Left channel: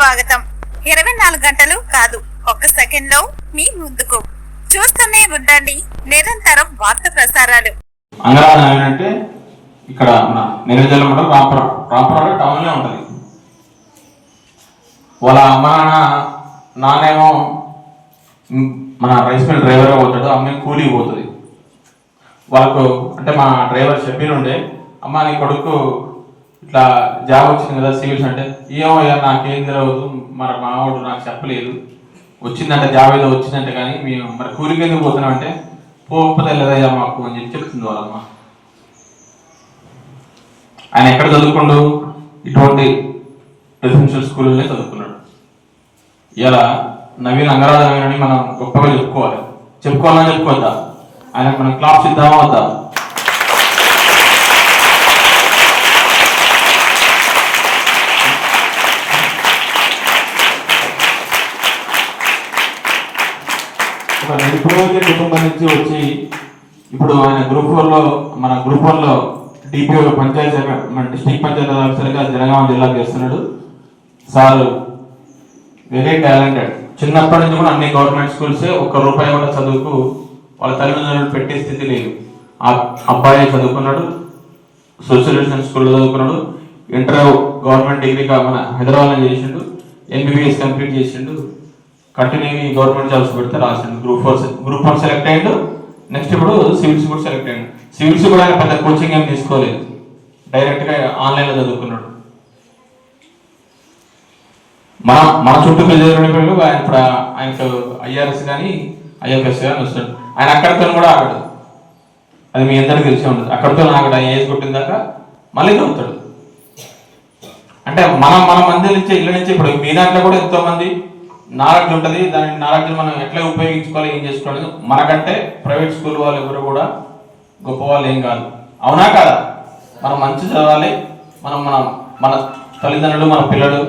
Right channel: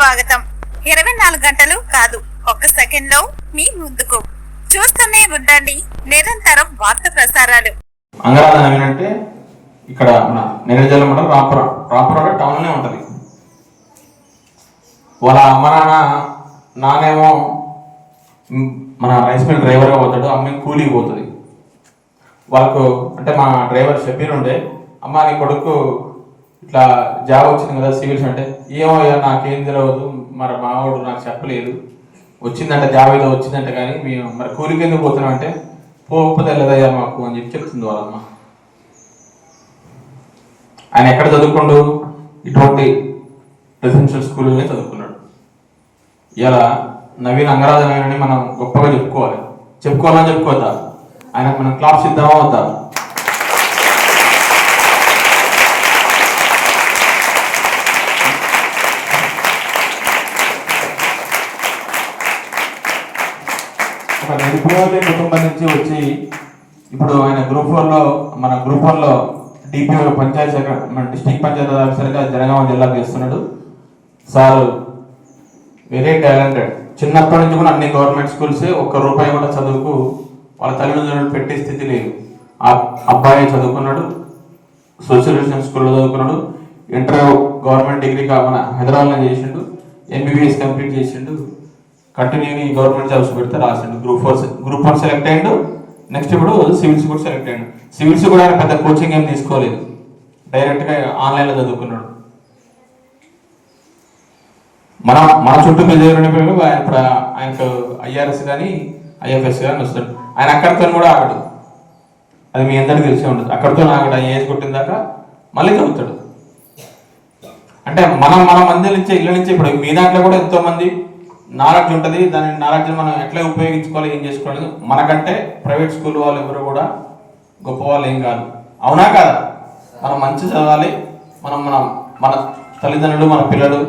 స్వాగతం. 24 గంటలు కాదు, ఒక్క సెకండ్ లో మీ ముందుకు. చూస్తూనే ఉండండి నిరంతరం వార్త ప్రసారాలు. అంగరాజం అంటే ఇక్కడ మన నివేదలు కూడా రాంపురం టౌన్ లో ఉంటది. వాళ్ళ అమ్మ నాన్నేమో మన రైస్ మిల్ డ్రైవర్గా పోతాడు, అమ్మ కూలికి పోతుంది. వాళ్ళకు అంటే మా డ్రైవర్ షబ్బీర్ ఉండే, అమ్మ నీ కొడుకు ఇట్లా జాబ్ వచ్చింది కదా సివిల్స్ అంటే, ఏమో నాకేం తెలియదు, మరి మావాడు నాకు చెప్పలేదు, వచ్చిందంటే జాబ్ ఏదో వచ్చిందంటే, కానీ మేము మరి కూలికి ఎందుకు పోతున్నాం అంటే పోకపోతే వెళ్ళదయ్యా మాకు అని చెప్పి చెప్తుంది వాళ్ళమ్మ. ఆయన ఎక్కడ చదువుకుండు? ఇటువంటి రెసిడెన్షియల్ స్కూల్లోనే చదువుకున్నాడు. ఇలా నవీన్ అంగరాజనని మనం గొప్పగా చెప్పుకోవాలని చెప్పుకోవద్దా? ఆయన మనం క్లాప్స్ ఇద్దామా వద్దా? ఒక నిరుపేద కుటుంబం నుంచి వచ్చి ఇప్పుడు ఆయన గ్రూప్ 4లో డిపిఓ పంచాయతీ సెక్రటరీ, మన డిస్ట్రిక్ట్ పంచాయతీ ఆఫీసర్గా జనగామ జిల్లాకు చేస్తున్నాడు. Sir very talented. చిన్నప్పటి నుంచి కూడా అన్ని గవర్నమెంట్ స్కూల్సే, ₹1 కూడా చదువుకు వాళ్ళ తల్లిదండ్రులు పెట్టే స్థితి లేదు. ఆ అబ్బాయి చదువుకున్నాడు, సోషల్ స్కూల్లో చదువుకున్నాడు, ఇంటర్ గవర్నమెంట్ డిగ్రీగా మన హైదరాబాద్లో చేసిండు, MBBS కంప్లీట్ చేసిండు, కంటిన్యూ గవర్నమెంట్ జాబ్స్ పెడితే రాసిండు. గ్రూప్ 1 సెలెక్ట్ అయ్యిండు. నెక్స్ట్ ఇప్పుడు సివిల్స్ కూడా సెలెక్ట్ అయ్యిండు. సివిల్స్ కూడా ఆయన పెద్ద కోచింగ్ ఏం తీసుకోలేదు, డైరెక్ట్గా ఆన్లైన్లో చదువుకున్నాడు. మన చుట్టూ పిల్లలు ఆయన ఇప్పుడు ఆయనకు IRS కానీ IFS కానీ వస్తాడు. ఆయన అక్కడితో కూడా ఆగడు, అది మీ అందరికీ తెలిసే ఉంటుంది. అక్కడితో ఆగడు, ఆయన ఏజ్ కొట్టిన దాకా మళ్ళీ చదువుతాడు. అంటే మన మంది నుంచి ఇళ్ళ నుంచి ఇప్పుడు మీ దాంట్లో కూడా ఎంతో మంది నాలెడ్జ్ ఉంటుంది. దాని నాలెడ్జ్ మనం ఎట్లా ఉపయోగించుకోవాలి, ఏం చేసుకోవాలి. మనకంటే ప్రైవేట్ స్కూల్ వాళ్ళు ఎవరు కూడా గొప్ప వాళ్ళు ఏం కాదు, అవునా కాదా? మనం మంచి చదవాలి. మన తల్లిదండ్రులు, మన పిల్లలు